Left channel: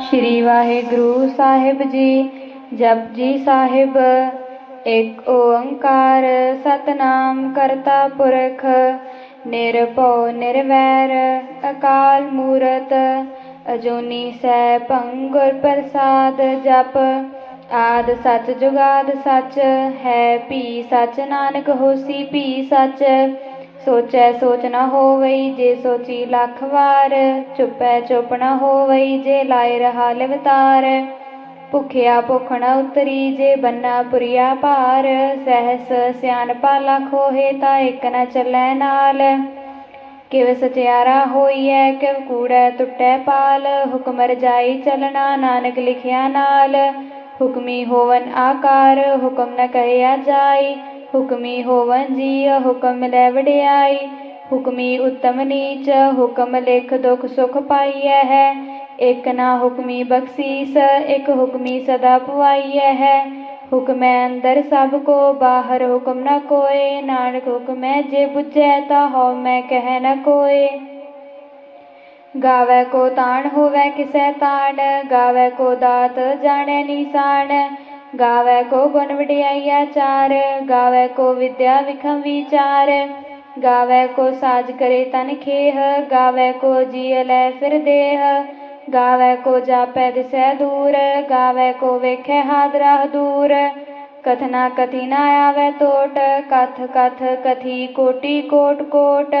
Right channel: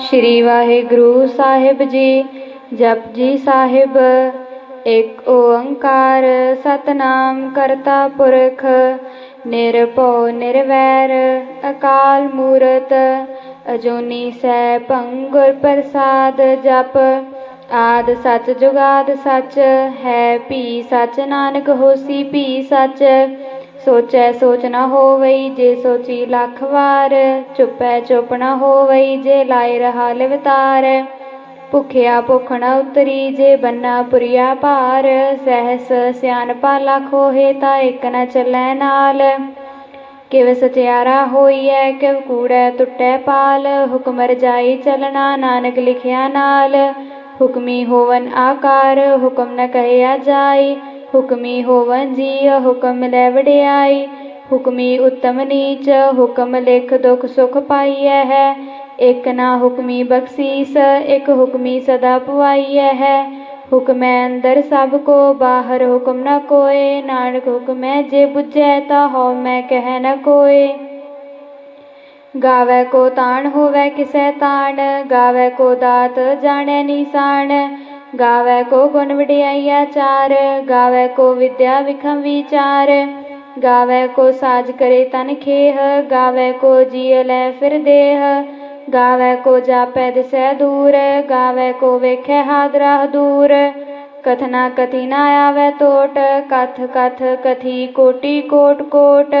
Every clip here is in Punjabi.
ਸ਼੍ਰੀ ਵਾਹਿਗੁਰੂ ਸਾਹਿਬ ਜੀ ਜਪਜੀ ਸਾਹਿਬ, ਇੱਕ ਓੰਕਾਰ ਸਤਨਾਮ ਕਰਤਾ ਪੁਰਖ, ਨਿਰਭਉ ਨਿਰਵੈਰ, ਅਕਾਲ ਮੂਰਤ, ਅਜੂਨੀ ਸੈਭੰ ਗੁਰ ਪ੍ਰਸਾਦ ਜਪ, ਆਦ ਸਚ ਜੁਗਾਦ ਸਚ, ਹੈ ਭੀ ਸਚ ਨਾਨਕ ਹੋਸੀ ਭੀ ਸਚ ਸੋਚੈ ਸੋਚ ਨ ਹੋਵਈ ਜੇ ਸੋਚੀ ਲੱਖ ਵਾਰ, ਚੁੱਪੈ ਚੁੱਪ ਨਾ ਹੋਵਈ ਜੇ ਲਾਇ ਰਹਾ ਲਿਵਤਾਰ। ਭੁਖਿਆ ਭੁਖ ਨ ਉਤਰੀ ਜੇ ਬੰਨਾ ਪੁਰੀਆ ਭਾਰ, ਸਹਿਸ ਸਿਆਣਪਾ ਲੱਖ ਹੋਏ ਤਾਂ ਇੱਕ ਨ ਚੱਲੈ ਨਾਲ। ਕਿਵ ਸਚਿਆਰਾ ਹੋਈਐ, ਕਿਵ ਕੂੜੈ ਟੁੱਟੈ ਪਾਲ, ਹੁਕਮ ਰਜਾਈ ਚਲਣਾ ਨਾਨਕ ਲਿਖਿਆ ਨਾਲ। ਹੁਕਮੀ ਹੋਵਨ ਆਕਾਰ, ਹੁਕਮ ਨ ਕਹਿਆ ਜਾਈ ਹੁਕਮੀ ਹੋਵਨ ਜੀ ਹੁਕਮ ਲੈ ਵਡਿਆਈ। ਹੁਕਮੀ ਉਤਮ ਨੀਚ, ਹੁਕਮ ਲਿਖ ਦੁਖ ਸੁਖ ਪਾਈਐ ਹੈ। ਇਕ ਨਾ ਹੁਕਮੀ ਬਖਸ਼ੀਸ, ਇਕ ਹੁਕਮੀ ਸਦਾ ਪੁਆਈਐ ਹੈ। ਹੁਕਮੈ ਅੰਦਰ ਸਭ ਕੋ, ਬਾਹਰ ਹੁਕਮ ਨ ਕੋਏ। ਨਾਨਕ ਹੁਕਮੈ ਜੇ ਬੁਝੈ ਤਾ ਹਉ ਮੈਂ ਕਹਿ ਨ ਕੋਏ। ਗਾਵੇ ਕੋ ਤਾਣ ਹੋਵੇ ਕਿਸੈ ਤਾਣ, ਗਾਵੇ ਕੋ ਦਾਤ ਜਾਣੈ ਨਿਸ਼ਾਨ ਗਾਵੇ ਕੋ ਗੁਣ ਵਡਿਆਈਆ ਚਾਰ, ਗਾਵੇ ਕੋ ਵਿਦਿਆ ਵਿਖਮ ਵਿਚਾਰ, ਗਾਵੇ ਕੋ ਸਾਜ ਕਰੇ ਤਨ ਖੇਹ, ਗਾਵੇ ਕੋ ਜੀਅ ਲੈ ਫਿਰ ਦੇਹ, ਗਾਵੇ ਕੋ ਜਾਪੈ ਦਿਸੈ ਦੂਰ, ਗਾਵੇ ਕੋ ਵੇਖੈ ਹਾਦਰਾ ਦੂਰ ਕਥਨਾ ਕਥੀ ਨਾ ਆਵੇ ਟੋਟ ਕਥ ਕਥ ਕਥੀ ਕੋਟੀ ਕੋਟ ਕੋਟ,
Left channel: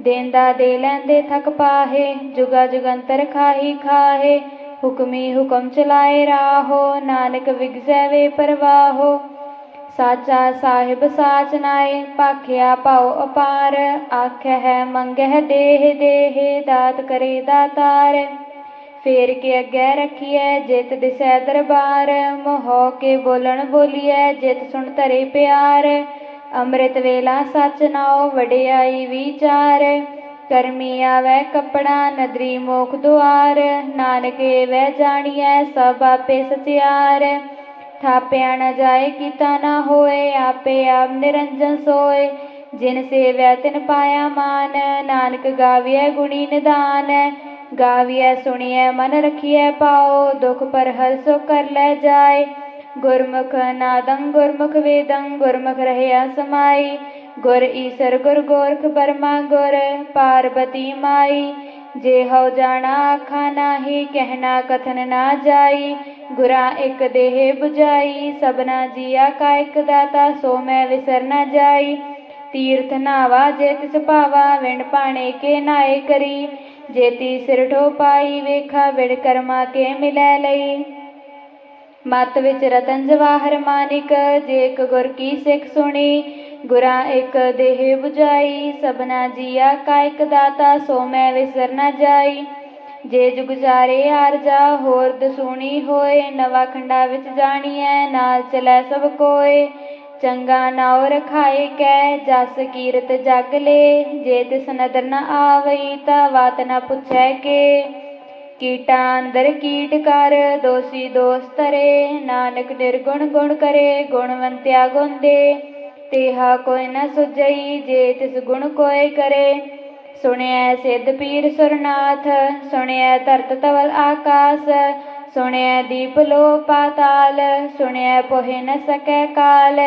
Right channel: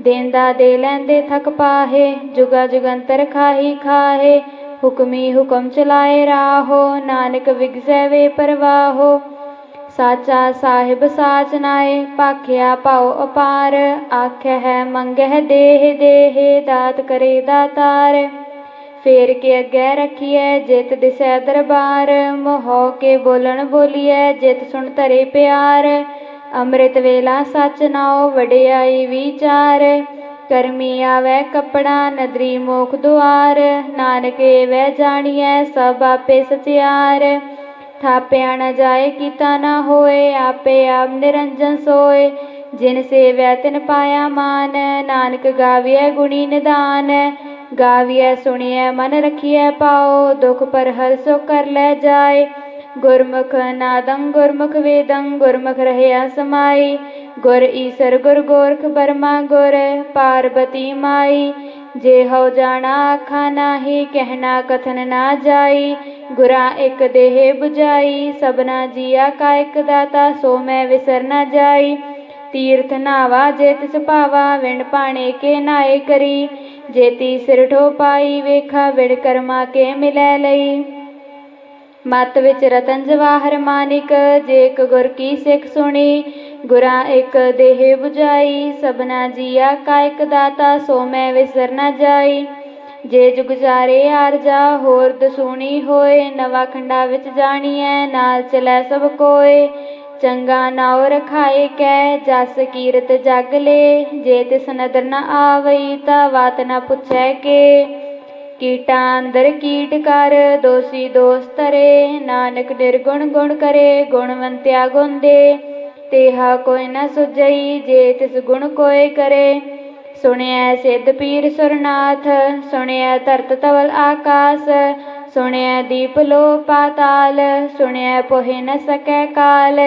ਦੇਂਦਾ ਦੇ ਲੈਂਦੇ ਥਕ ਪਾਹੇ, ਜੁਗਾ ਜੁਗੰਤਰ ਖਾਹੀ ਖਾਹੇ ਹੁਕਮੀ ਹੁਕਮ ਚਲਾਏ ਰਾਹੋ, ਨਾਨਕ ਵਿਗਸੈ ਵੇ ਪਰਵਾਹੋ। ਸਾਚਾ ਸਾਹਿਬ ਸਾਚ ਨਾਏ ਪਾਖਿਆ ਪਾਉ ਅਪਾਰ। ਆਖੈ ਹੈ ਮੰਗਹਿ ਦੇਹ ਦੇਹ, ਦਾਤ ਕਰੇ ਦਾਤਾਰ। ਫੇਰ ਕੇ ਅੱਗੇ ਰਖੀਐ, ਜਿਤ ਦਿਸੈ ਦਰਬਾਰ। ਮੋਹ ਕੇ ਬੋਲਣ ਬੋਲੀਐ, ਜਿਤ ਸੁਣ ਧਰੇ ਪਿਆਰ। ਅੰਮ੍ਰਿਤ ਵੇਲਾ ਸਚ ਨਾਉ, ਵਡਿਆਈ ਵਿਚਾਰ। ਕਰਮੀ ਆਵੈ ਕਪੜਾ ਨਦਰੀ ਮੋਖ ਦੁਆਰ, ਨਾਨਕੇ ਵੈ ਜਾਣੀਐ ਸਭ ਆਪੇ ਸਚਿਆਰ। ਥਾਪਿਆ ਨਾ ਜਾਏ ਕੀਤਾ ਨਾ ਹੋਏ, ਆਪੇ ਆਪ ਨਿਰੰਜਨ ਸੋਏ। ਜਿਨ ਸੇਵੈ ਤਿਨ ਪਾਇਆ ਮਾਨ, ਨਾਨਕ ਗਾਵੀਐ ਗੁਣੀ ਨਿਦਾਨ। ਗਾਵੀਐ ਸੁਣੀਐ ਮਨ ਰਖੀਐ ਪਾਓ, ਦੁਖ ਪਰ ਹਰ ਸੋ ਕਰ ਲੈ ਜਾਏ। ਗੁਰਮੁਖ ਨਾਦੰ ਗੁਰਮੁਖ ਵੇਦੰ, ਗੁਰਮੁਖ ਰਹਿਆ ਸਮਾਈ। ਗੁਰ ਈਸਰ ਗੁਰ ਗੋਰਖ ਬਰਮਾ ਗੁਰ, ਪਾਰਬਤੀ ਮਾਈ। ਜੇ ਹਉ ਜਾਣਾ ਆਖਾ ਨਾਹੀ, ਕਹਿਣਾ ਕਥਨ ਨਾ ਜਾਈ। ਗੁਰਾਂ ਇੱਕ ਦੇਹ 부ਜਾਈ ਸਬਨਾ ਜੀਆ ਕਾ ਇੱਕ ਦਾਤਾ, ਸੋ ਮੈਂ ਵਿਸਰ ਨਾ ਜਾਈ। ਤੀਰਥ ਨਾਵਾ ਜੇ ਤਿਸ ਭਾਵਾ ਵਿਣ ਪਾਣੇ ਕੇ ਨਾਏ ਕਰੀ। ਜੇਤੀ ਸਿਰ ਠੋ ਪਾਈ, ਵੇਖਾ ਵਿੜ ਕਰਮਾ ਕੇ ਮਿਲੈ ਲਈ। ਮਤ ਵਿੱਚ ਰਤਨ ਜਵਾਹਰ ਮਾਨਿਕ, ਜੇ ਇੱਕ ਗੁਰ ਕੀ ਸਿੱਖ ਸੁਣੀ, ਗੁਰਾਂ ਇੱਕ ਦੇਹ 부ਜਾਈ ਸਭਨਾ ਜੀਆ ਕਾ ਇੱਕ ਦਾਤਾ, ਸੋ ਮੈਂ ਵਿਸਰ ਨ ਜਾਈ। ਜੇ ਜੁਗ ਜਾਰੇ ਆਰਜਾ ਹੋਰ ਦਸੂਣੀ ਹੋਏ, ਨਵਾ ਖੰਡਾ ਵਿੱਚ ਜਾਣੀਐ, ਨਾਲ ਚਲੈ ਸਭ ਕੋਏ। ਚੰਗਾ ਨਾਉ ਰਖਾਏ ਕੈ, ਜਸ ਕੀਰਤ ਜਗ ਲੇ, ਜੇ ਤਿਸ ਨਦਰ ਨ ਆਵਈ, ਤਾ ਵਾਤ ਨਾ ਪੁੱਛੈ ਕੇ। ਕੀਟਾਂ ਅੰਦਰ ਕੀਟ ਕਰ, ਦੋਸੀ ਦੋਸਤ ਰੇ ਨਾਨਕ ਨਿਰਗੁਣ ਗੁਣ ਕਰੇ, ਗੁਣਵੰਤਿਆ ਗੁਣ ਦੇ ਤੇਹਾ ਕੋਈ ਨ ਸੁਝਈ, ਜੇ ਤਿਸ ਗੁਣ ਕੋਏ ਕਰੇ। ਸੁਣਿਐ ਸਿੱਧ ਪੀਰ ਸੁਰਨਾਥ, ਸੁਣਿਐ ਧਰਤ ਤਵਲ ਆਕਾਸ। ਸੁਣਿਐ ਦੀਪ ਲੋ ਪਾਤਾਲ, ਸੁਣਿਐ ਪੋਹਿ ਨ ਸਕੈ ਕਾਲ।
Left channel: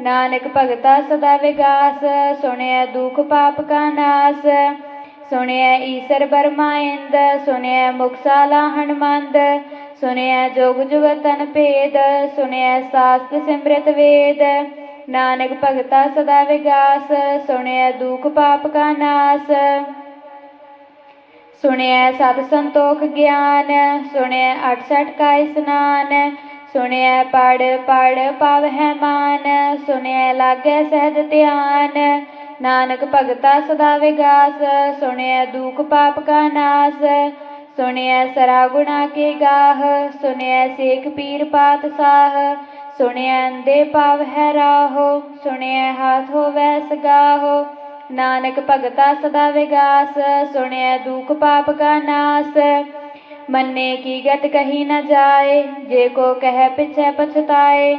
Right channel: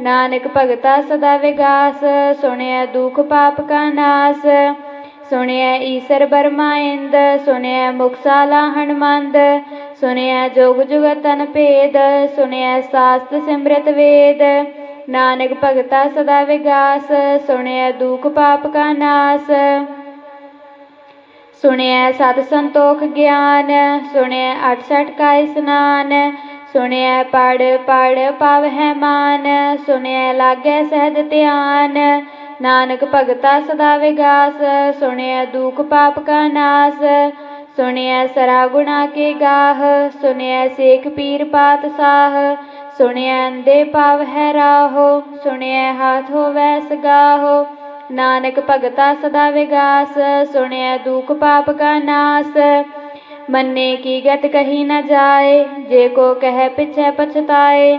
ਨਾਨਕ ਭਗਤਾ ਸਦਾ ਵਿਗਾਸ, ਸੁਣਿਐ ਦੁਖ ਪਾਪ ਕਾ ਨਾਸ। ਸੁਣਿਆ ਈਸਰ ਬਰਮਾ ਇੰਦ, ਸੁਣਿਐ ਮੁਕਸਾਲਾ ਹਨਮੰਦ, ਸੁਣਿਐ ਜੋਗ ਜੁਗਤਨ ਭੇਦ ਸੁਣਿਆ ਸਾਸਤ ਸਿਮਰਤ ਵੇਦ। ਨਾਨਕ ਭਗਤਾ ਸਦਾ ਵਿਗਾਸ ਸੁਣਿਆ ਦੁਖ ਪਾਪ ਕਾ ਨਾਸ। ਸੁਣਿਆ ਸਤ ਸੰਤੋਖ ਗਿਆਨ, ਸੁਣਿਐ 68 ਕਾ ਇਸਨਾਨ ਸੁਣਿਆ ਪੜ ਪੜ ਪਵਹਿ ਮਾਨ ਸੁਣਿਆ ਲਾਗੈ ਸਹਿਜ ਧਿਆਨ। ਨਾਨਕ ਭਗਤਾ ਸਦਾ ਵਿਗਾਸ ਸੁਣਿਆ ਦੁਖ ਪਾਪ ਕਾ ਨਾਸ, ਸੁਣਿਐ ਸਰਾ ਗੁਣਾ ਕੇ ਗਾਹ ਸੁਣਿਆ ਸੇਖ ਪੀਰ ਪਾਤ ਸਾਹ ਸੁਣਿਆ ਅੰਦੇ ਪਵ ਹੈ ਰਾਹੋ ਸੁਣਿਆ ਹਾਥ ਹੋਵੈ ਸਗਾਹੋ। ਨਾਨਕ ਭਗਤਾ ਸਦਾ ਵਿਗਾਸ ਸੁਣਿਆ ਦੁਖ ਪਾਪ ਕਾ ਨਾਸ, ਮੰਨੇ ਕੀ ਗਤ ਕਹੀ ਨਾ ਜਾਏ, ਜੇ ਕੋ ਕਹਿ ਪਿਛੈ ਪਛਤਾਏ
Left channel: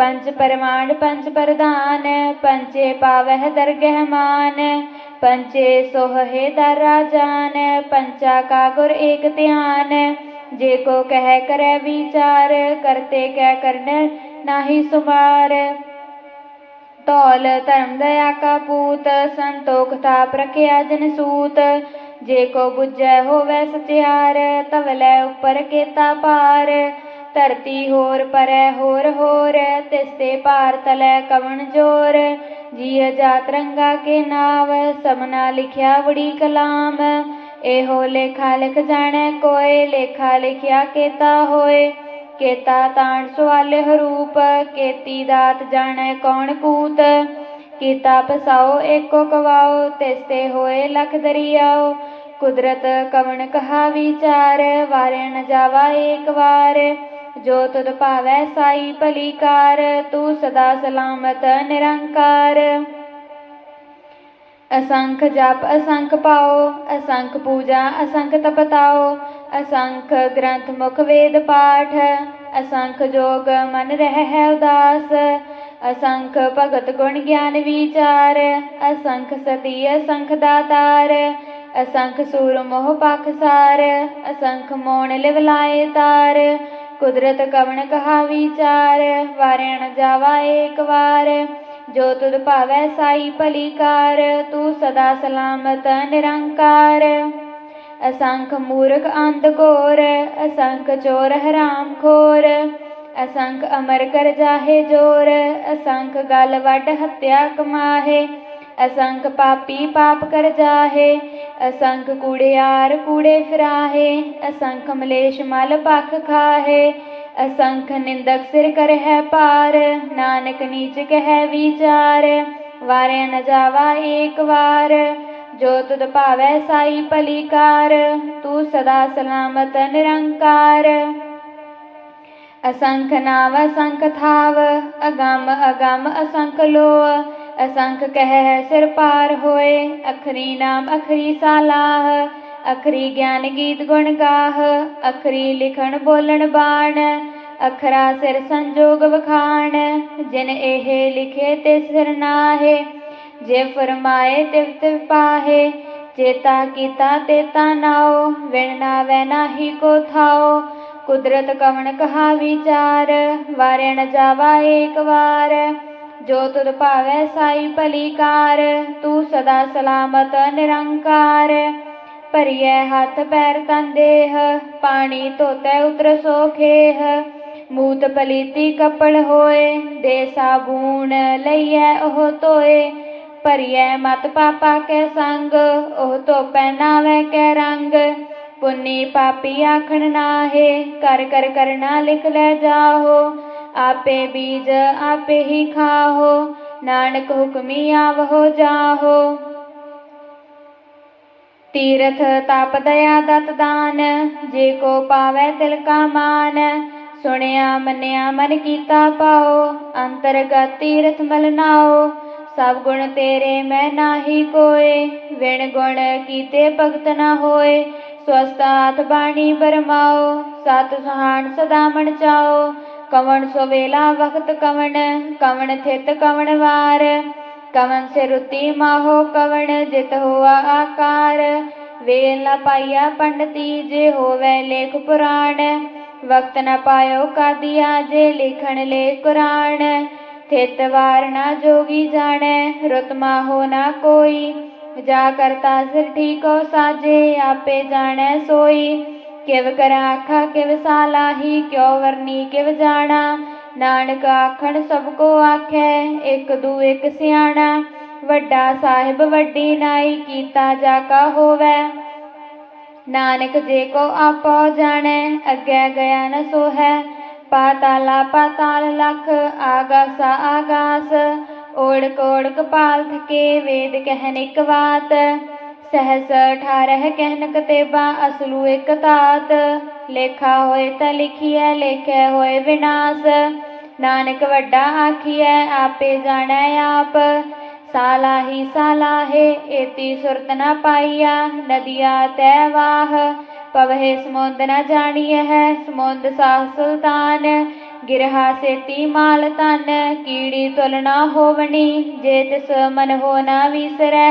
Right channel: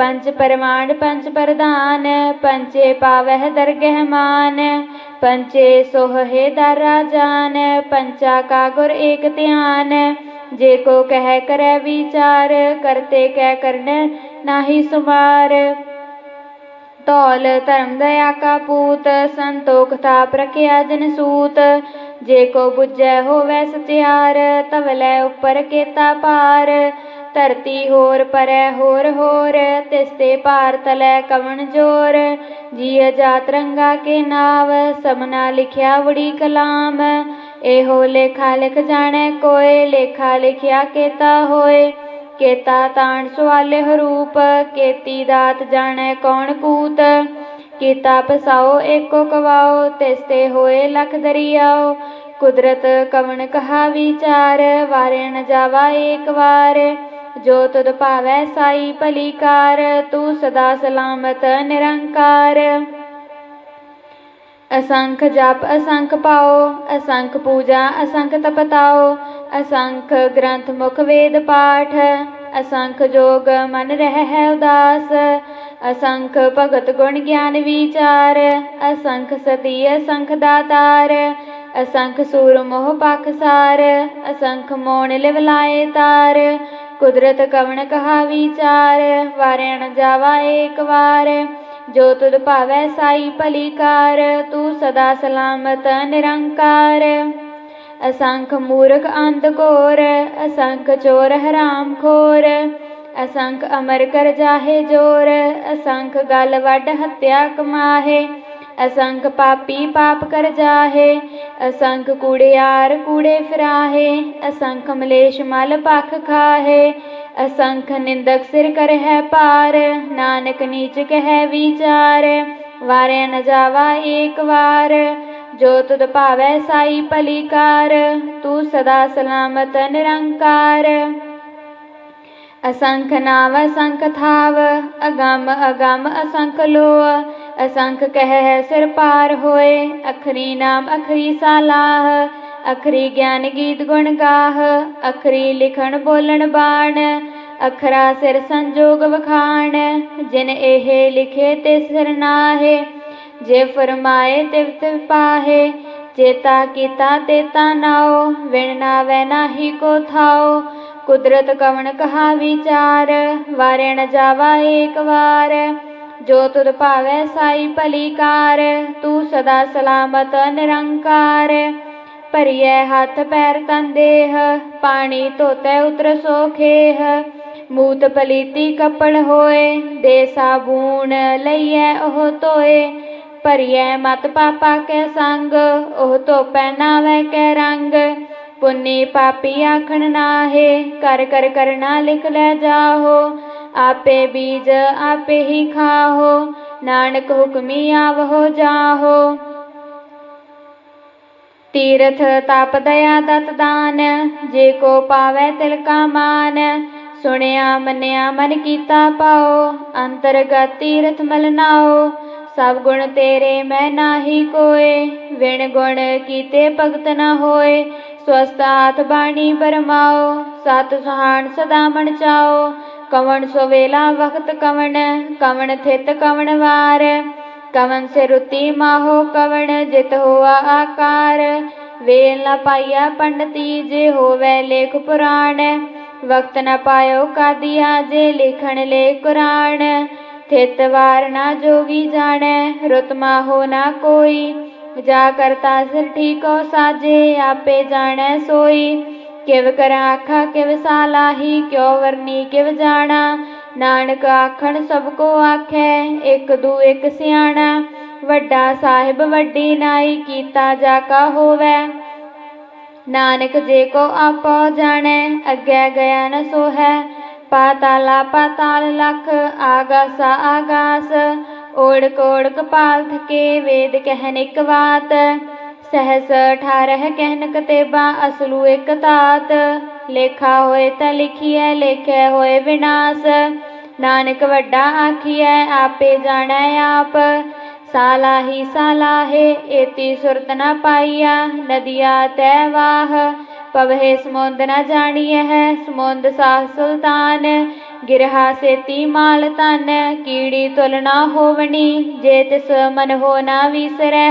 ਪੰਜ ਪਰਮਾਨ, ਪੰਜ ਪ੍ਰਧਾਨ ਪੰਚੇ ਪਾਵਹਿ ਦਰਗਹਿ ਮਾਨ ਪੰਚੇ ਸੋਹੇ ਦਰ ਰਾਜਾਨ, ਪੰਚਾ ਕਾ ਗੁਰ ਏਕ ਧਿਆਨ। ਜੇ ਕੋ ਕਹਿ ਕਰੈ ਵਿਚਾਰ, ਕਰਤੇ ਕਹਿ ਕਰਨ ਨਾਹੀ ਸੁਮਾਰ। ਧੌਲ ਧਰਮ ਦਇਆ ਕਾ ਪੂਤ, ਸੰਤੋਖ ਤਾਪ ਰਖਿਆ ਜਨ ਸੂਤ। ਜੇ ਕੋ ਬੁੱਝੈ ਹੋਵੈ ਸਤਿਆਰ ਤਵਲੇ ਉਪਰ ਕੇਤਾ ਪਾਰ ਧਰਤੀ ਹੋਰ ਪਰੈ ਹੋਰ ਹੋਰ, ਤਿਸ ਤੇ ਭਾਰ ਤਲੈ ਕਵਣ ਜੋਰ। ਜੀਅ ਜਾਤ ਰੰਗਾ ਕੇ ਨਾਵ, ਸਮਨਾ ਲਿਖਿਆ ਵੜੀ ਕਲਾਮ। ਇਹੋ ਲੇਖਾ ਲਿਖ ਜਾਣੈ ਕੋਏ, ਲੇਖਾ ਲਿਖਿਆ ਕੇਤਾ ਹੋਏ। ਕੇਤਾ ਤਾਣ ਸੁਆਲੇ ਹਰੂਪ ਕੇਤੀ ਦਾਤ ਜਾਣੈ ਕੌਣ ਕੂਤ। ਕੀਤਾ ਪਸਾਓ ਏਕੋ ਕਵਾਓ ਤਿਸਤੇ ਹੋਏ ਲਖ ਦਰਿਆਓ। ਕੁਦਰਤ ਕਵਣ ਕਹਾ ਵਿਚਾਰ ਵਾਰੇ ਨ ਜਾਵਾ ਏਕ ਵਾਰ। ਜੋ ਤੁਧ ਭਾਵੈ ਸਾਈ ਭਲੀ ਕਾਰ ਤੂੰ ਸਦਾ ਸਲਾਮਤ ਨਿਰੰਕਾਰ। ਅਸੰਖ ਜਪ ਅਸੰਖ ਪਾਓ, ਅਸੰਖ ਪੂਜਾ ਅਸੰਖ ਤਪਤਾਓ, ਅਸੰਖ ਗ੍ਰੰਥ ਮੁਖ ਵੇਦ ਪਾਠ, ਅਸੰਖ ਜੋਗ ਮਨ ਰਹਿ ਹੈ ਉਦਾਸ, ਅਸੰਖ ਭਗਤ ਗੁਣ ਗਿਆਨ ਵਿਚਾਰ, ਅਸੰਖ ਸਤੀ ਅਸੰਖ ਦਾਤਾਰ, ਅਸੰਖ ਸੂਰ ਮੋਹ ਪਖਸਾਰ ਅਸੰਖ ਮੋਣ ਲਿਵਲਾਏ ਤਾਰ ਕੁਦਰਤ ਕਵਣ ਕਹਾ ਵਿਚਾਰ ਵਾਰਿਆ ਨ ਜਾਵਾ ਏਕ ਵਾਰ। ਜੋ ਤੁਧ ਭਾਵੈ ਸਾਈ ਭਲੀ ਕਾਰ ਤੂੰ ਸਦਾ ਸਲਾਮਤ ਨਿਰੰਕਾਰ। ਅਸੰਖ ਮੂਰਖ ਅੰਧ ਘੋਰ, ਅਸੰਖ ਚੋਰ ਹਰਾਮ ਖੋਰ। ਅਸੰਖ ਅਮਰ ਕਰ ਜਾਹੇ ਜੋਰ, ਅਸੰਖ ਗਲ ਵੱਡ ਹੱਤਿਆ ਕਮਾਹੇ। ਅਸੰਖ ਪਾਪੀ ਪਾਪ ਕਰ ਜਾਹੇ ਅਸੰਖ ਕੂੜਿਆਰ ਕੂੜੇ ਫਿਰਾਹੇ, ਅਸੰਖ ਮਲੇਸ਼ ਮਲ ਪਖ ਖਾਹੇ, ਅਸੰਖ ਨਿੰਦਕ ਸਿਰ ਕਰ ਹੈ ਪਾਰ ਨਾਨਕ ਨੀਚ ਕਹਿ ਵਿਚਾਰ, ਵਾਰੇ ਨ ਜਾਵਾ ਏਕ ਵਾਰ, ਜੋ ਤੁਧ ਭਾਵੈ ਸਾਈ ਭਲੀਕਾਰ, ਤੂੰ ਸਦਾ ਸਲਾਮਤ ਨਿਰੰਕਾਰ। ਅਸੰਖ ਨਾਵ ਅਸੰਖ ਥਾਵ, ਅਗੰਮ ਅਗੰਮ ਅਸੰਖ ਲੋ ਅਸੰਖ ਕਹਿ ਸਿਰ ਪਾਰ ਹੋਏ, ਅਖਰੀ ਨਾਮ ਅਖਰੀ ਸਾਲਾਹ, ਅਖਰੀ ਗਿਆਨ ਗੀਤ ਗੁਣ ਗਾਹ, ਅਖਰੀ ਲਿਖਣ ਬੋਲਣ ਬਾਣ, ਅਖਰਾ ਸਿਰ ਸੰਜੋਗ ਵਖਾਣ, ਜਿਨ ਇਹ ਲਿਖੇ ਤੇ ਸਿਰ ਨਾਹੇ, ਜੇ ਫਰਮਾਏ ਤਿਵ ਤਿਵ ਪਾਹੇ, ਚੇਤਾ ਕੀਤਾ ਤੇਤਾ ਨਾਉ ਵਿਣ ਨਾਵੈ ਨਾਹੀ ਕੋ ਥਾਉ ਕੁਦਰਤ ਕਵਣ ਕਹਾ ਵਿਚਾਰ, ਵਾਰਿਆ ਜਾਵਾ ਏਕ ਵਾਰ ਜੋ ਤੁਧ ਭਾਵੈ ਸਾਈ ਭਲੀ ਕਾਰ ਤੂੰ ਸਦਾ ਸਲਾਮਤ ਨਿਰੰਕਾਰ। ਭਰੀਐ ਹੱਥ ਪੈਰ ਤਨ ਦੇਹ, ਪਾਣੀ ਧੋਤੈ ਉਤਰ ਸੋਖੇਹ ਮੂਤ ਪਲੀਤੀ ਕਪੜ ਹੋਏ, ਦੇ ਸਾਬੂਨ ਲਈਐ ਉਹ ਧੋਏ। ਭਰੀਐ ਮਤ ਪਾਪਾ ਕੈ ਸੰਗ, ਉਹ ਧੋਪੈ ਪਹਿਨਾਵੇ ਕੇ ਰੰਗ। ਪੁੰਨੀ ਪਾਪੀ ਆਖਣ ਨਾਹੇ, ਕਰ ਕਰ ਕਰਨਾ ਲਿਖ ਲੈ ਜਾਹੋ। ਆਪੇ ਬੀਜ ਆਪੇ ਹੀ ਖਾਹੋ, ਨਾਨਕ ਹੁਕਮੀ ਆਵਹੋ ਜਾਹੋ। ਤੀਰਥ ਤਪ ਦਇਆ ਦਤ ਦਾਨ, ਜੇ ਕੋ ਪਾਵੈ ਤਿਲ ਕਾ ਮਾਨ। ਸੁਣਿਆ ਮੰਨਿਆ ਮਨ ਕੀਤਾ ਪਾਓ, ਅੰਤਰਗਤ ਤੀਰਥ ਮਲਨਾਓ ਸਭ ਗੁਣ ਤੇਰੇ ਮੈਂ ਨਾਹੀ ਕੋਏ, ਵਿਣ ਗੁਣ ਕੀਤੇ ਭਗਤ ਨਾ ਹੋਏ। ਸਵਸਤਾਤ ਬਾਣੀ ਬਰਮਾਓ, ਸਤ ਸੁਹਾਣ ਸਦਾ ਮਨ ਚਾਓ। ਕਵਣ ਸਵੇਲਾ ਵਖਤ ਕਵਣ ਕਵਣ ਥਿਤ ਕਵਣ ਵਾਰ। ਕਵਨ ਸੇ ਰੁਤੀ ਮਾਹੋ ਕਵਣ, ਜਿਤ ਹੋਆ ਆਕਾਰ। ਵੇਲ ਨ ਪਾਈਆ ਪੰਡਤੀ, ਜੇ ਹੋਵੇ ਲੇਖ ਪੁਰਾਣ। ਵਕਤ ਨ ਪਾਇਓ ਕਾਦੀਆ, ਜੇ ਲਿਖਣ ਲੈ ਕੁਰਾਨ। ਥਿਤ ਵਾਰ ਨਾ ਜੋਗੀ ਜਾਣੈ, ਰੁਤ ਮਾਹੋ ਨਾ ਕੋਈ। ਜਾ ਕਰਤਾ ਸਿਰ ਠੀਕੋ ਸਾਜੇ, ਆਪੇ ਜਾਣੈ ਸੋਈ। ਕਿਵ ਕਰਾਂ ਆਖਾ, ਕਿਵ ਸਾਲਾਹੀ ਕਿਉ ਵਰਨੀ, ਕਿਵ ਜਾਣਾ? ਨਾਨਕ ਆਖਣ, ਸਭ ਕੋ ਆਖੈ, ਇੱਕ ਦੂ ਇੱਕ ਸਿਆਣਾ। ਵੱਡਾ ਸਾਹਿਬ, ਵੱਡੀ ਨਾਈ, ਕੀਤਾ ਜਾ ਕਾ ਹੋਵੈ। ਨਾਨਕ ਜੇ ਕੋ ਆਪੋ ਜਾਣੈ, ਅੱਗੇ ਗਿਆ ਨ ਸੋਹੈ। ਪਾਤਾਲਾ, ਪਾਤਾਲ ਲਖ, ਆਗਾਸਾ, ਆਗਾਸ। ਓੜਕ ਓੜਕ ਪਾਲ ਥਕੇ ਵੇਦ ਕਹਿਨ ਇਕ ਬਾਤ। ਸਹਸ ਅਠਾਰਹ ਕਹਿਨ ਕਤੇਬਾ, ਅਸਲੂ ਇਕ ਤਾਤ ਲੇਖਾ ਹੋਏ ਤਾਂ ਲਿਖੀਐ, ਲੇਖੈ ਹੋਏ ਵਿਨਾਸ਼। ਨਾਨਕ ਵੱਡਾ ਆਖੀਐ, ਆਪੇ ਜਾਣੈ ਆਪ। ਸਾਲਾਹੀ ਸਾਲਾਹੇ ਏਤੀ ਸੁਰਤ ਨਾ ਪਾਈਆ, ਨਦੀਆ ਤੈ ਵਾਹ। ਪਵਹਿ ਸਮੁੰਦ ਨ ਜਾਣੀਐ ਹੈ ਸਮੁੰਦ ਸਾਹ ਸੁਲਤਾਨ। ਗਿਰਹਾ ਸੇਤੀ ਮਾਲ ਤਨ ਕੀੜੀ ਤੁਲ ਨਾ ਹੋਵਣੀ, ਜੇ ਤਿਸ ਮਨ ਹੋ ਨਾ ਵਿਸਰੈ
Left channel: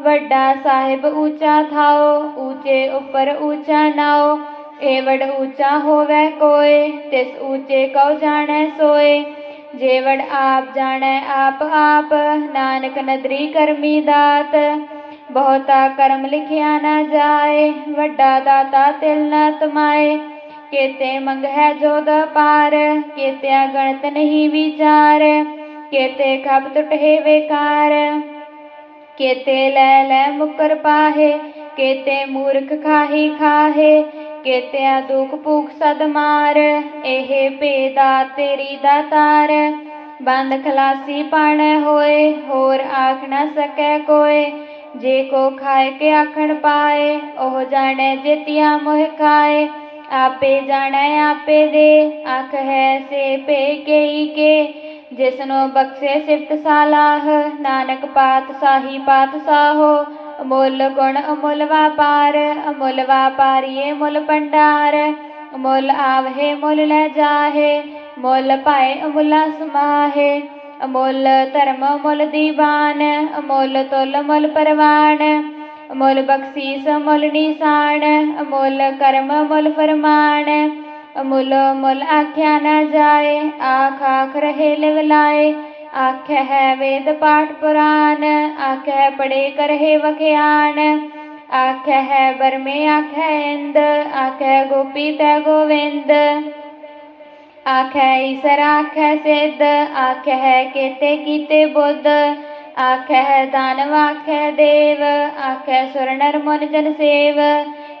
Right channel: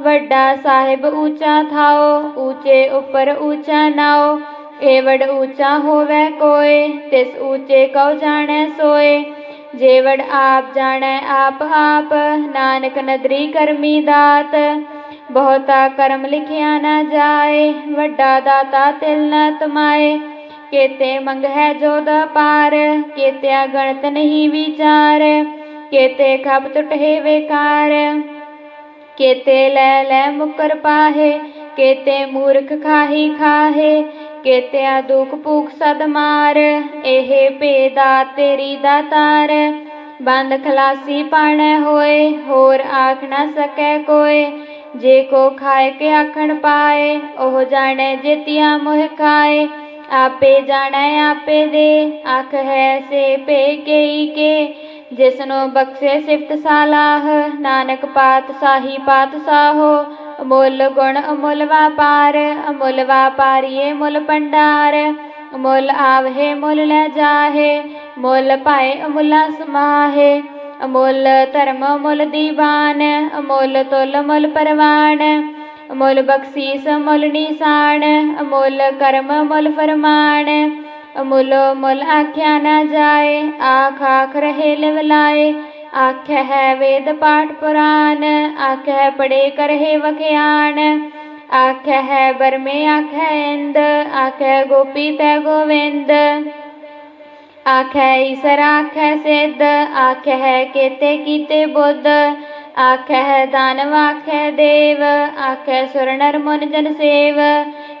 ਵੱਡਾ ਸਾਹਿਬ ਉੱਚਾ ਥਾਓ, ਊਚੇ ਉੱਪਰ ਊਚਾ ਨਾਓ। ਏਵੜ ਊਚਾ ਹੋਵੇ ਕੋਏ, ਤਿਸ ਊਚੇ ਕਉ ਜਾਣੈ ਸੋਏ। ਜੇਵੜ ਆਪ ਜਾਣੈ ਆਪ ਆਪ, ਨਾਨਕ ਨਦਰੀ ਕਰਮੀ ਦਾਤ। ਬਹੁਤਾ ਕਰਮ ਲਿਖਿਆ ਨਾ ਜਾਏ, ਵੱਡਾ ਦਾਤਾ ਤਿਲ ਨ ਤਮਾਏ। ਕੇਤੇ ਮੰਗ ਹੈ ਜੋਦ ਪਾਰ ਕੇਤਿਆ ਗਣਤ ਨਹੀਂ ਵਿਚਾਰ। ਕੇਤੇ ਖਪ ਟੁਟੇ ਵੇਕਾਰ। ਕੇਤੇ ਲੈ ਲੈ ਮੁਕਰ ਪਾਹੇ, ਕੇਤੇ ਮੂਰਖ ਖਾਹੀ ਖਾਹੇ, ਕੇਤਿਆ ਦੁਖ ਭੂਖ ਸਦ ਮਾਰ, ਇਹ ਭੇਦਾ ਤੇਰੀ ਦਾਤਾਰ ਬੰਦ ਖਲਾਸੀ ਪਣ ਹੋਏ, ਹੋਰ ਆਖ ਨਾ ਸਕੈ ਕੋਏ, ਜੇ ਕੋ ਖਾਏ ਕੇ ਆਖਣ ਪਾਏ, ਉਹ ਜਾਣੈ ਜੇਤੀਆ ਮੁਹ ਖਾਏ। ਆਪੇ ਜਾਣੈ, ਆਪੇ ਦੇ, ਆਖ ਹੈ ਸੇ ਪੇ ਕੇਈ ਕੇ ਜਿਸਨੋ ਬਖਸ਼ੇ ਸਿਫਤ ਸਾਲਾਹ, ਨਾਨਕ ਪਾਤ ਸਾਹੀ ਪਾਤ ਸਾਹੋ, ਅਮੁੱਲ ਗੁਣ ਅਮੁੱਲ ਵਾਪਾਰ, ਅਮੁੱਲ ਵਾਪਾਰੀਏ ਮੁੱਲ ਭੰਡਾਰ ਮੁੱਲ ਆਵਹਿ ਮੁੱਲ ਲੈ ਜਾਹੇ, ਮੁੱਲ ਪਾਏ ਅਮੁੱਲਾ ਸਮਾਹੇ, ਅਮੁੱਲ ਧਰਮ ਮੁੱਲ ਦੀਵਾਨ, ਅਮੁੱਲ ਤੁਲ ਮੁੱਲ ਪਰਵਾਨ, ਅਮੁੱਲ ਬਖਸ਼ੀਸ ਮੁੱਲ ਨਿਸ਼ਾਨ, ਅਮੁੱਲ ਕਰਮ ਮੁੱਲ ਫਰਮਾਨ ਅਮੁੱਲ ਮੁੱਲ ਆਖਿਆ ਨਾ ਜਾਏ, ਆਖ ਆਖ ਰਹੇ ਲਿਵਲਾਏ। ਆਖਿਆ ਹੈ ਵੇਦ ਪਾਠ ਪੁਰਾਨ ਆਖਿਆ ਪੜੇ ਕਰਹਿ ਵਖਿਆਨ ਆਖਿਆ ਹੈ ਬਰਮੇ ਆਖਿਆ ਇੰਦ, ਆਖਿਆ ਗੋਪੀ ਤੈ ਗੋਵਿੰਦ। ਆਖਿਆ ਈਸਰ ਆਖਿਆ ਸਿੱਧ, ਆਖਿਆ ਹੈ ਕੇਤੇ ਕੀਤੇ ਬੁੱਧ। ਆਖਿਆ ਹੈ ਦਾਨਵ ਆਖੈ ਦੇ ਆਖਿਆ ਸੁਰ ਨਰ ਮਨ ਜਨ ਸੇਵ,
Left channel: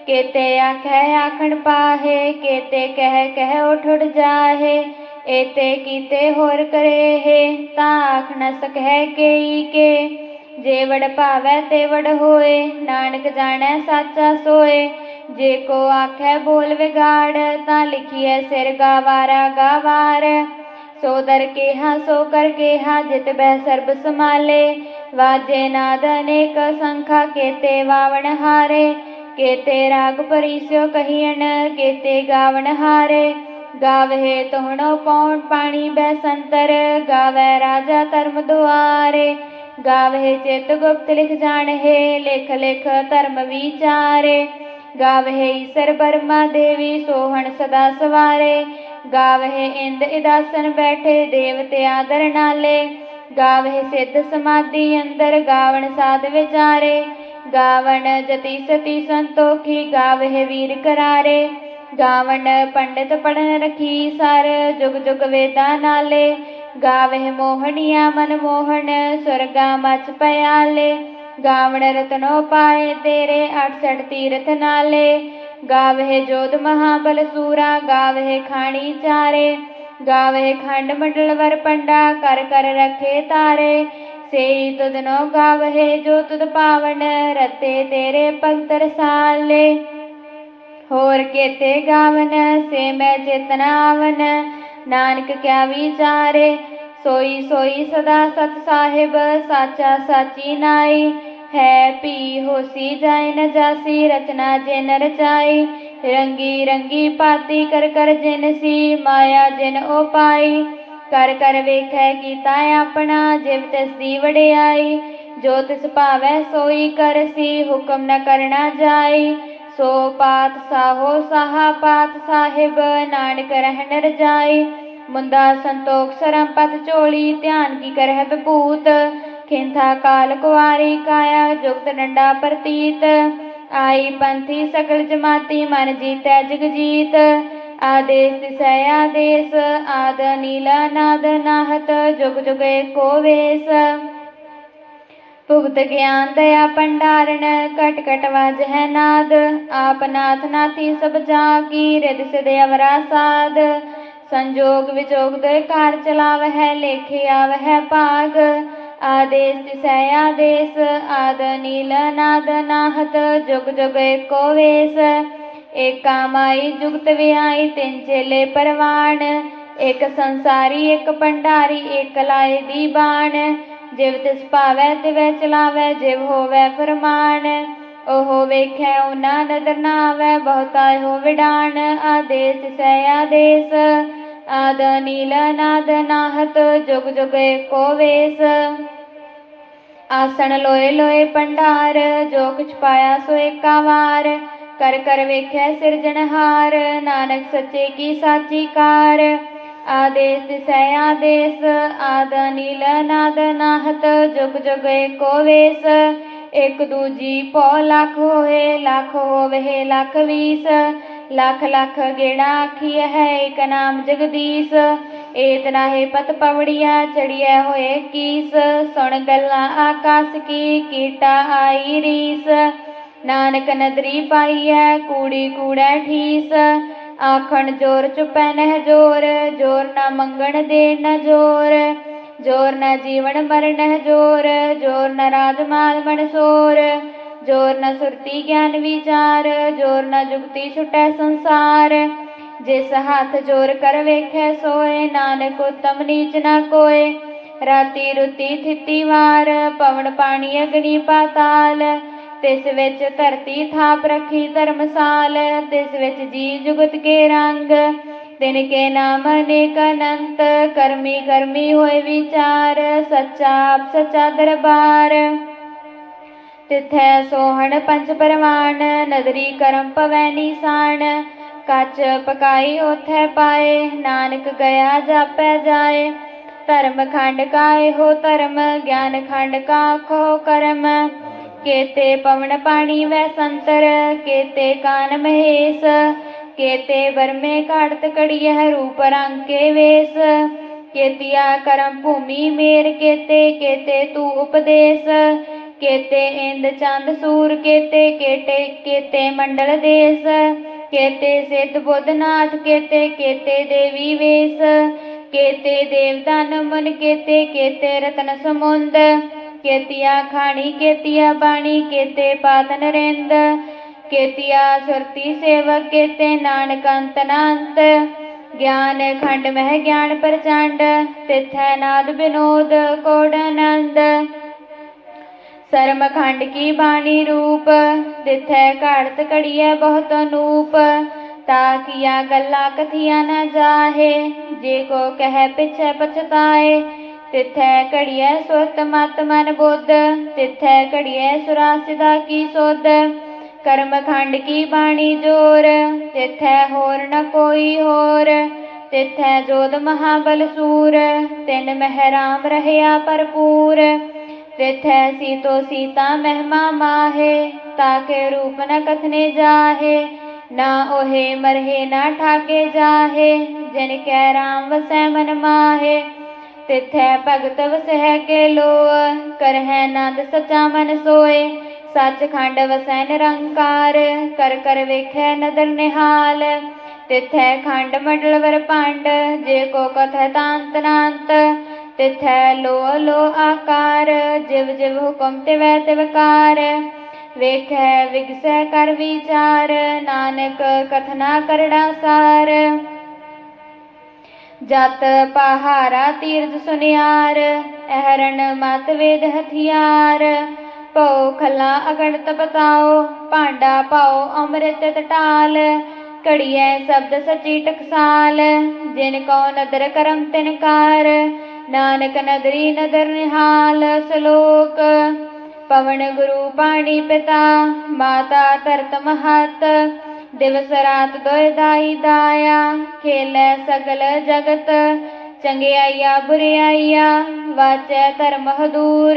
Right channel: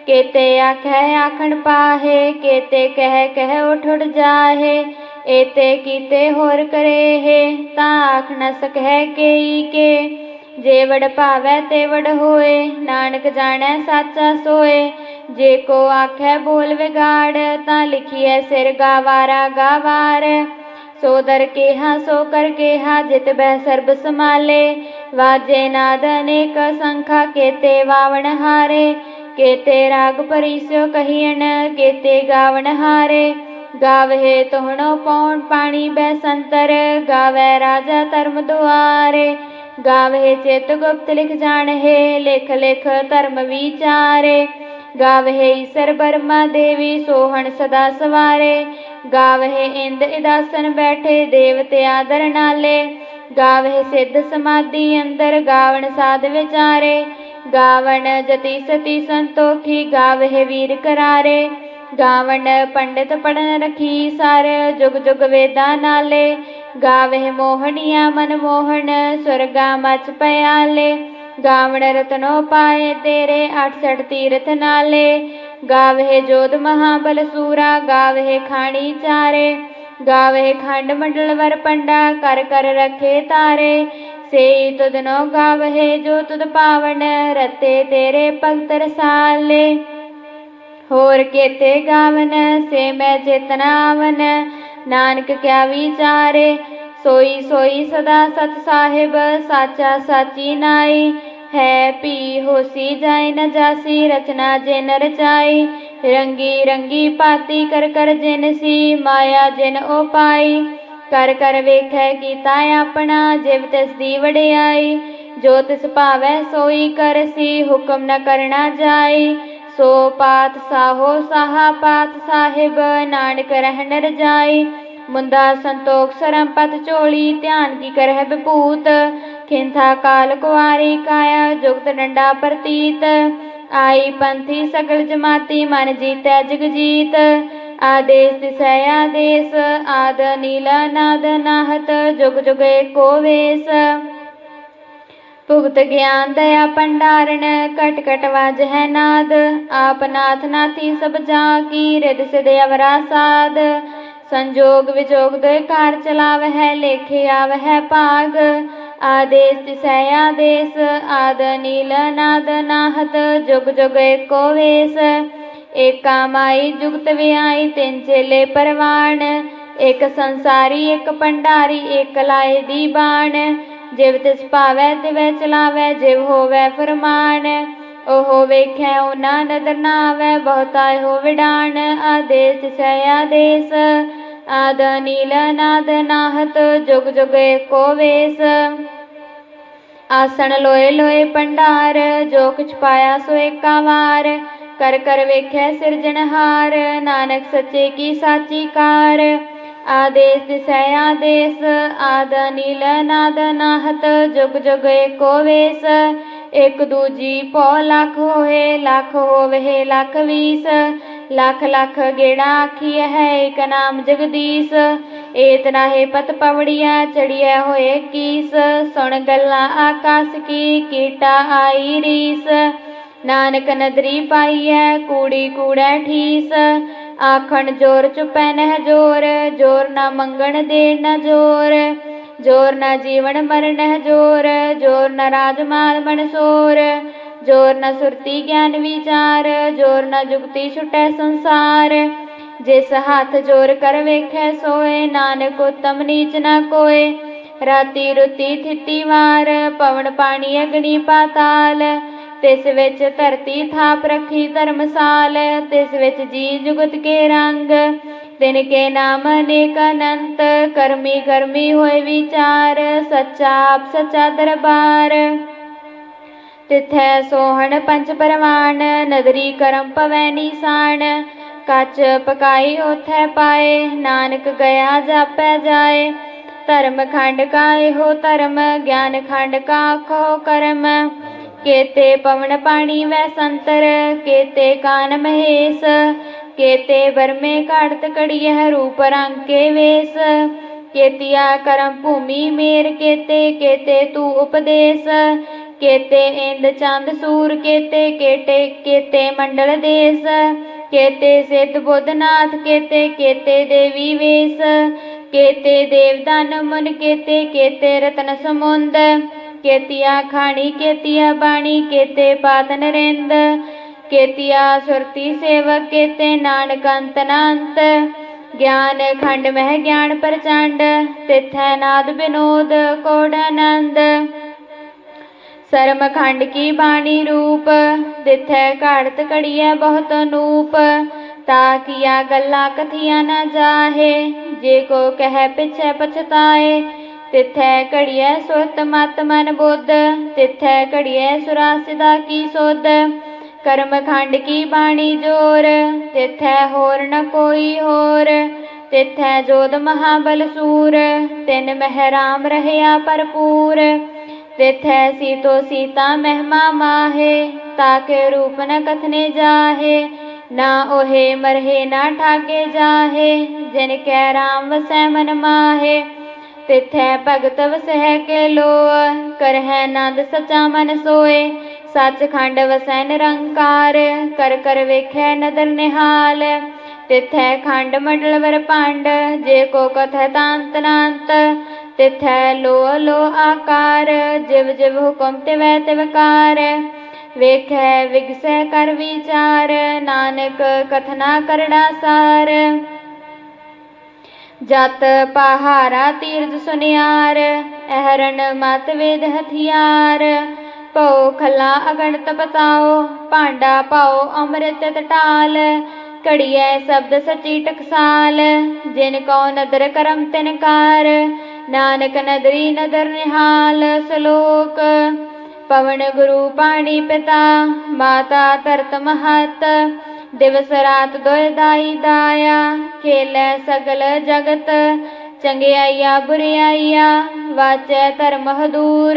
ਕੇਤੇ ਆਖਿਆ ਆਖਣ ਪਾਹੇ, ਕੇਤੇ ਕਹਿ ਕਹਿ ਉਠ ਉਠ ਜਾਹੇ, ਏਤੇ ਕੀਤੇ ਹੋਰ ਕਰੇ ਹੈ ਤਾਂ ਆਖ ਨ ਸਕੈ ਕੇਈ ਕੇ। ਜੇ ਵਡ ਭਾਵੈ ਤੇ ਵਡ ਹੋਏ, ਨਾਨਕ ਜਾਣੈ ਸਾਚਾ ਸੋਏ। ਜੇ ਕੋ ਆਖੈ ਬੋਲ ਵਿਗਾੜ, ਤਾਂ ਲਿਖੀਐ ਸਿਰ ਗਾਵਾਰਾ ਗਾਵਾਰ। ਸੋ ਦਰ ਕੇਹਾ, ਸੋ ਕਰ ਕੇਹਾ, ਜਿਤ ਬਹਿ ਸਰਬ ਸਮਾਲੇ ਵਾਜੇ ਨਾਦ ਅਨੇਕ ਸੰਖਾ, ਕੇਤੇ ਵਾਵਣ ਹਾਰੇ। ਕੇਤੇ ਰਾਗ ਪਰਿਸਿਓ ਕਹੀਣ ਕੇਤੇ ਗਾਵਣ ਹਾਰੇ। ਗਾਵਹਿ ਤੋਹਣੋ ਪਉਣ ਪਾਣੀ ਬੈ ਸੰਤਰ ਗਾਵੈ ਰਾਜਾ ਧਰਮ ਦੁਆਰੇ। ਗਾਵਹਿ ਚਿਤ ਗੁਪਤ ਲਿਖ ਜਾਣਹਿ, ਲਿਖ ਲਿਖ ਧਰਮ ਵਿਚਾਰੇ। ਗਾਵਹਿ ਈਸਰ ਬਰਮਾ ਦੇਵੀ, ਸੋਹਣ ਸਦਾ ਸਵਾਰੇ। ਗਾਵਹਿ ਇੰਦ ਇਦਾਸਨ ਬੈਠੇ ਦੇਵਤੇ ਆਦਰ ਨਾਲੇ। ਗਾਵਹਿ ਸਿੱਧ ਸਮਾਧੀ ਅੰਦਰ ਗਾਵਣ ਸਾਧ ਵਿਚਾਰੇ। ਗਾਵਣ ਜਤੀ ਸਤੀ ਸੰਤੋਖੀ ਗਾਵਹਿ ਵੀਰ ਕਰਾਰੇ। ਗਾਵਣ ਪੰਡਿਤ ਪੜਨ ਰਖੀ ਸਰ ਜੁਗ ਜੁਗ ਵੇਦਾਂ ਨਾਲੇ। ਗਾਵਹਿ ਮੋਹਣੀਆਂ ਮਨ ਮੋਹਣ ਸੁਰਗਾ ਮਚ ਪਿਆਲੇ। ਗਾਵਣ ਰਤਨੋ ਪਾਏ ਤੇਰੇ 68 ਤੀਰਥ ਨਾਲੇ। ਗਾਵਹਿ ਜੋਧ ਮਹਾਬਲ ਸੂਰਾ, ਗਾਵਹਿ ਖਾਣੀ ਚਾਰੇ। ਗਾਵਹਿ ਖੰਡ ਮੰਡਲ ਵਰ ਪੰਡਾ, ਕਰ ਕਰ ਰਖੇ ਤਾਰੇ। ਸੇਈ ਤੁਧਨੋ ਗਾਵਹਿ ਜੋ ਤੁਧ ਪਾਵਨ, ਰਤੇ ਤੇਰੇ ਭਗਤ ਰਸਾਲੇ। ਹੋਰ ਕੇਤੇ ਗਾਵਨ, ਸੇ ਮੈਂ ਚੇਤਨਾਵਨ ਨਾਨਕ ਕਿਆ ਵਿਚਾਰੇ। ਸੋਈ ਸੋਈ ਸਦਾ ਸਤ ਸਾਹਿਬ, ਸਾਚਾ ਸਾਚੀ ਨਾਈ। ਹੈ ਪੀ ਹੋਸੀ ਜਾਇ ਨ ਜਾਸੀ, ਰਚਨਾ ਜਿਨ ਰਚਾਈ। ਰੰਗੀ ਰੰਗੀ ਪਾਤੀ ਕਰ ਕਰ ਜਿਨ ਸੀ, ਮਾਇਆ ਜਿਨ ਉਪਾਈ ਕਰ ਕਰ ਵੇਖੈ ਕੀਤਾ ਆਪਣਾ, ਜਿਵ ਤਿਸ ਦੀ ਵਡਿਆਈ। ਜੋ ਤਿਸ ਭਾਵੈ ਸੋਈ ਕਰਸੀ ਹੁਕਮ ਨ ਕਰਨਾ ਜਾਈ। ਸੋ ਪਾਤ ਸਾਹੋ ਸਾਹਾ, ਪਾਤ ਸਾਹਿਬ, ਨਾਨਕ ਰਹਿਣ ਰਜਾਈ। ਮੁੰਦਾ ਸੰਤੋਖ ਸਰੰਪਤ ਚੋਲੀ ਧਿਆਨ ਕੀ ਕਰਹਿ ਬਪੂਤ ਖਿੰਥਾ ਕਾਲ ਕੁਆਰੀ ਕਾਇਆ, ਜੁਗਤ ਡੰਡਾ ਪ੍ਰਤੀਤ। ਆਈ ਪੰਥੀ ਸਗਲ ਜਮਾਤੀ, ਮਨ ਜੀਤੈ ਜਗ ਜੀਤ ਆਦੇਸ ਦਿਸੈ ਆਦੇਸ, ਆਦ ਨੀਲਾ ਨਾਦ ਨਾਹਤ, ਜੁਗ ਜੁਗ ਏਕੋ ਵੇਸ। ਭੁਗਤ ਗਿਆਨ ਦਇਆ ਭੰਡਾਰਨ ਕਟ ਕਟ ਵਾਜ ਹੈ ਨਾਦ। ਆਪ ਨਾਥ ਨਾਥੀ ਸਭ ਜਾ ਕੀ ਰਿਦ ਸਿਧ ਅਵਰਾ ਸਾਧ ਸੰਜੋਗ ਵਿਜੋਗ ਦੇ ਕਾਰ ਚਲਾਵ ਹੈ ਲੇਖੇ ਆਵ ਹੈ ਭਾਗ। ਆਦੇਸ ਤਿਸੈ ਆਦੇਸ, ਆਦ ਨੀਲ ਨਾਦ ਨਾਹਤ, ਜੁਗ ਜੁਗ ਏਕੋ ਵੇਸ। ਏਕਾ ਮਾਈ ਜੁਗਤ ਵਿਆਈ, ਤਿੰਨ ਚੇਲੇ ਪਰਵਾਣ। ਇੱਕ ਸੰਸਾਰੀ, ਇੱਕ ਭੰਡਾਰੀ, ਇਕ ਲਾਏ ਦੀ ਬਾਣ। ਜਿਵ ਤਿਸ ਭਾਵੈ, ਤਿਵੈ ਚਲਾਵੈ, ਜਿਵ ਹੋਵੈ ਫਰਮਾਨ। ਉਹ ਵੇਖੈ ਉਨਾ ਨਦਰ ਨਾਵੈ ਆਵੈ ਹੋ ਵਿਡਾਣ। ਆਦੇਸ ਤਿਸੈ ਆਦੇਸ ਆਦ ਨੀਲ ਨਾਦ ਨਾਹਤ ਜੁਗ ਜੁਗ ਏਕੋ ਵੇਸ। ਆਸਣ ਲੋਏ ਲੋਏ ਭੰਡਾਰ ਜੋ ਕੁਛ ਪਾਇਆ ਸੋ ਏਕਾ ਵਾਰ। ਕਰ ਕਰ ਵੇਖੈ ਸਿਰਜਣਹਾਰ ਨਾਨਕ ਸੱਚੇ ਕੀ ਸਾਚੀ ਕਾਰ। ਆਦੇਸ ਦਿਸੈ ਆਦੇਸ, ਆਦ ਨੀਲ ਨਾਦ ਨਾਹਤ ਜੁਗ ਜੁਗ ਏਕੋ ਵੇਸ। ਇਕ ਦੂਜੀ ਪੋ ਲੱਖ ਹੋਏ, ਲੱਖ ਹੋਵੇ, ਲੱਖ ਵੀਸ। ਲੱਖ ਲੱਖ ਗੇੜਾ ਆਖੀਐ ਹੈ ਇਕ ਨਾਮ ਜਗਦੀਸ਼। ਏਤ ਨਾਹੀ ਪਤ ਪਵੜੀਆ ਚੜੀਐ ਹੋਏ ਕੀਸ। ਸੁਣ ਗੱਲਾਂ ਆਕਾਸ ਕੀ, ਕੀਟਾ ਆਈ ਰੀਸ। ਨਾਨਕ ਨਦਰੀ ਪਾਈਐ, ਕੂੜੀ ਕੂੜੈ ਠੀਸ। ਆਖਣ ਜੋਰ ਚੁਪੈ ਨਹਿ ਜੋਰ ਜੋਰ ਨਾ ਮੰਗਣ ਦੇ ਨਾ ਜੋਰ। ਜੋਰ ਨਾ ਜੀਵਨ ਮਰਨ ਜੋਰ ਜੋਰ ਨਾ ਰਾਜਮਾਲ ਸੋਰ, ਜੋਰ ਨਾ ਸੁਰਤੀ ਗਿਆਨ ਵਿਚਾਰ, ਜੋਰ ਨਾ ਜੁਗਤੀ ਛੁਟੈ ਸੰਸਾਰ। ਜਿਸ ਹੱਥ ਜੋਰ ਕਰ ਵੇਖੈ ਸੋਏ, ਨਾਨਕ ਉਤਮ ਨੀਚ ਨਾ ਕੋਏ। ਰਾਤੀ ਰੁਤੀ ਥਿਤੀ ਵਾਰ, ਪਵਨ ਪਾਣੀ ਅਗਨੀ ਪਾਤਾਲ। ਤਿਸ ਵਿੱਚ ਧਰਤੀ ਥਾਪ ਰੱਖੀ ਧਰਮਸਾਲ, ਤਿਸ ਵਿੱਚ ਜੀ ਜੁਗਤ ਕੇ ਰੰਗ। ਤਿਨ ਕੇ ਨਾਮ ਅਨੇਕ ਅਨੰਤ ਕਰਮੀ ਕਰਮੀ ਹੋਏ ਵਿਚਾਰ, ਸੱਚਾ ਆਪ ਸੱਚਾ ਦਰਬਾਰ। ਤਿਥੈ ਸੋਹਣ ਪੰਜ ਪਰਵਾਨ, ਨਦਰੀ ਕਰਮ ਪਵੈ ਨੀਸਾਨ। ਕੱਚ ਪਕਾਈ ਉਥੈ ਪਾਏ, ਨਾਨਕ ਗਿਆ ਜਾਪੈ ਜਾਏ। ਧਰਮ ਖੰਡ ਕਾ ਇਹੋ ਧਰਮ, ਗਿਆਨ ਖੰਡ ਕਾ ਕੋ ਕਰਮ। ਕੇਤੇ ਪਵਨ ਪਾਣੀ ਵੈ ਸੰਤਰ, ਕੇਤੇ ਕਾਨ ਮਹੇਸ਼। ਕੇਤੇ ਬਰਮੇ ਘੜਤ ਕੜੀਐ ਰੂਪ ਰੰਗ ਕੇ ਵੇਸ। ਕੇਤੀਆ ਕਰਮ ਭੂਮੀ ਮੇਰ ਕੇਤੇ ਕੇਤੇ ਤੂ ਉਪਦੇਸ਼। ਕੇਤੇ ਇੰਦ ਚੰਦ ਸੂਰ ਕੇਤੇ, ਕੇਟੇ, ਕੇਤੇ ਮੰਡਲ ਦੇਸ। ਕੇਤੇ ਸਿੱਧ ਬੁੱਧਨਾਥ ਕੇਤੇ ਕੇਤੇ ਦੇਵੀ ਵੇਸ। ਕੇਤੇ ਦੇਵਦਾਨ ਮਨ ਕੇਤੇ ਕੇਤੇ ਰਤਨ ਸਮੁੰਦ। ਕੇਤੀਆ ਖਾਣੀ, ਕੇਤੀਆ ਬਾਣੀ, ਕੇਤੇ ਪਾਤ ਨਰਿੰਦ ਕੇਤੀਆ ਸੁਰਤੀ ਸੇਵਕ ਕੇਤੇ ਨਾਨਕ ਅੰਤ ਨਾੰਤ। ਗਿਆਨ ਖੰਡ ਮਹਿ ਗਿਆਨ ਪ੍ਰਚੰਡ, ਤਿਥੈ ਨਾਦ ਬਿਨੋਦ ਕੋੜ ਆਨੰਦ। ਸਰਮ ਖੰਡ ਕੀ ਬਾਣੀ ਰੂਪ, ਤਿਥੈ ਘੜਤ ਕੜੀਐ ਬਹੁਤ ਨੂਪ। ਤਾ ਕੀਆ ਗੱਲਾਂ ਕਥੀਆਂ ਨਾ ਜਾਹੇ, ਜੇ ਕੋ ਕਹਿ ਪਿਛੈ ਪਛਤਾਏ। ਤਿਥੈ ਘੜੀਐ ਸੁਤ ਮਤ ਮਨ ਬੁੱਧ, ਤਿਥੈ ਘੜੀਐ ਸੁਰਾਸਿਦਾ ਕੀ ਸੁਧ। ਕਰਮ ਖੰਡ ਕੀ ਬਾਣੀ ਜੋਰ? ਤਿਥੈ ਹੋਰ ਨ ਕੋਈ ਹੋਰ। ਤਿਥੈ ਜੋਦ ਮਹਾਬਲ ਸੂਰ। ਤਿਨ ਮਹਿਰਾਮ ਰਹਿਆ ਭਰਪੂਰ। ਤਿਥੈ ਸੀਤੋ ਸੀਤਾ ਮਹਿਮਾ ਮਾਹੇ, ਤਾਕੇ ਰੂਪ ਨ ਕਥਨੇ ਜਾਹੇ। ਨਾ ਉਹੇ ਮਰਹੇ, ਨਾ ਠਾਕੇ ਜਾਹੇ। ਜਿਨ ਕੈ ਰਾਮ ਵਸੈ ਮਨ ਮਾਹੇ। ਤਿਥੈ ਭਗਤ ਵਸਹਿ ਕੇ ਲੋਅ ਕਰਹਿ ਨੰਦ ਸਚਾ ਮਨ ਸੋਏ। ਸੱਚਖੰਡ ਵਸੈ ਨਿਰੰਕਾਰ ਕਰ ਕਰ ਵੇਖੈ ਨਦਰ ਨਿਹਾਲ। ਤਿਥੈ ਖੰਡ ਮੰਡਲ ਵਰ ਭੰਡ, ਜੇ ਕੋ ਕਥੈ ਤਾਂਤ ਨਾੰਤ। ਤਿਥੈ ਲੋ ਲੋ ਆਕਾਰ, ਜਿਵ ਜਿਵ ਹੁਕਮ ਤਿਵੈ ਤਿਵਕਾਰ ਵੇਖੈ ਵਿਗਸੈ ਕਰ ਵਿਚਾਰ, ਨਾਨਕ ਕਥਨਾ ਕਰੜਾ ਸਾਰ। ਜਤ ਪਹਾਰਾ ਤੀਰਜ ਸੁਨਿਆਰ ਅਹਰਨ ਮਤ ਵੇਦ ਹਥਿਆਰ। ਭਉ ਖਲਾ ਅਗਣਤ ਬਤਾਓ, ਭਾਂਡਾ ਪਾਓ ਅੰਮ੍ਰਿਤ ਟਟਾਲ ਘੜੀਐ ਸ਼ਬਦ ਸਚੀ ਟਕਸਾਲ, ਜਿਨ ਕੋ ਨਦਰ ਕਰਮ ਤਿਨ ਕਾਰ, ਨਾਨਕ ਨਦਰੀ ਨਦਰ ਨਿਹਾਲ ਸ਼ਲੋਕ। ਪਵਨ ਗੁਰੂ ਪਾਣੀ ਪਿਤਾ, ਮਾਤਾ ਧਰਤ ਮਹਤ, ਦਿਵਸ ਰਾਤ ਦੋਇ ਦਾਈ ਦਾਇਆ, ਖੇਲੈ ਸਗਲ ਜਗਤ, ਚੰਗਿਆਈਆ ਬੁਰਿਆਈਆ, ਵਾਚੈ ਧਰਮ ਹਦੂਰ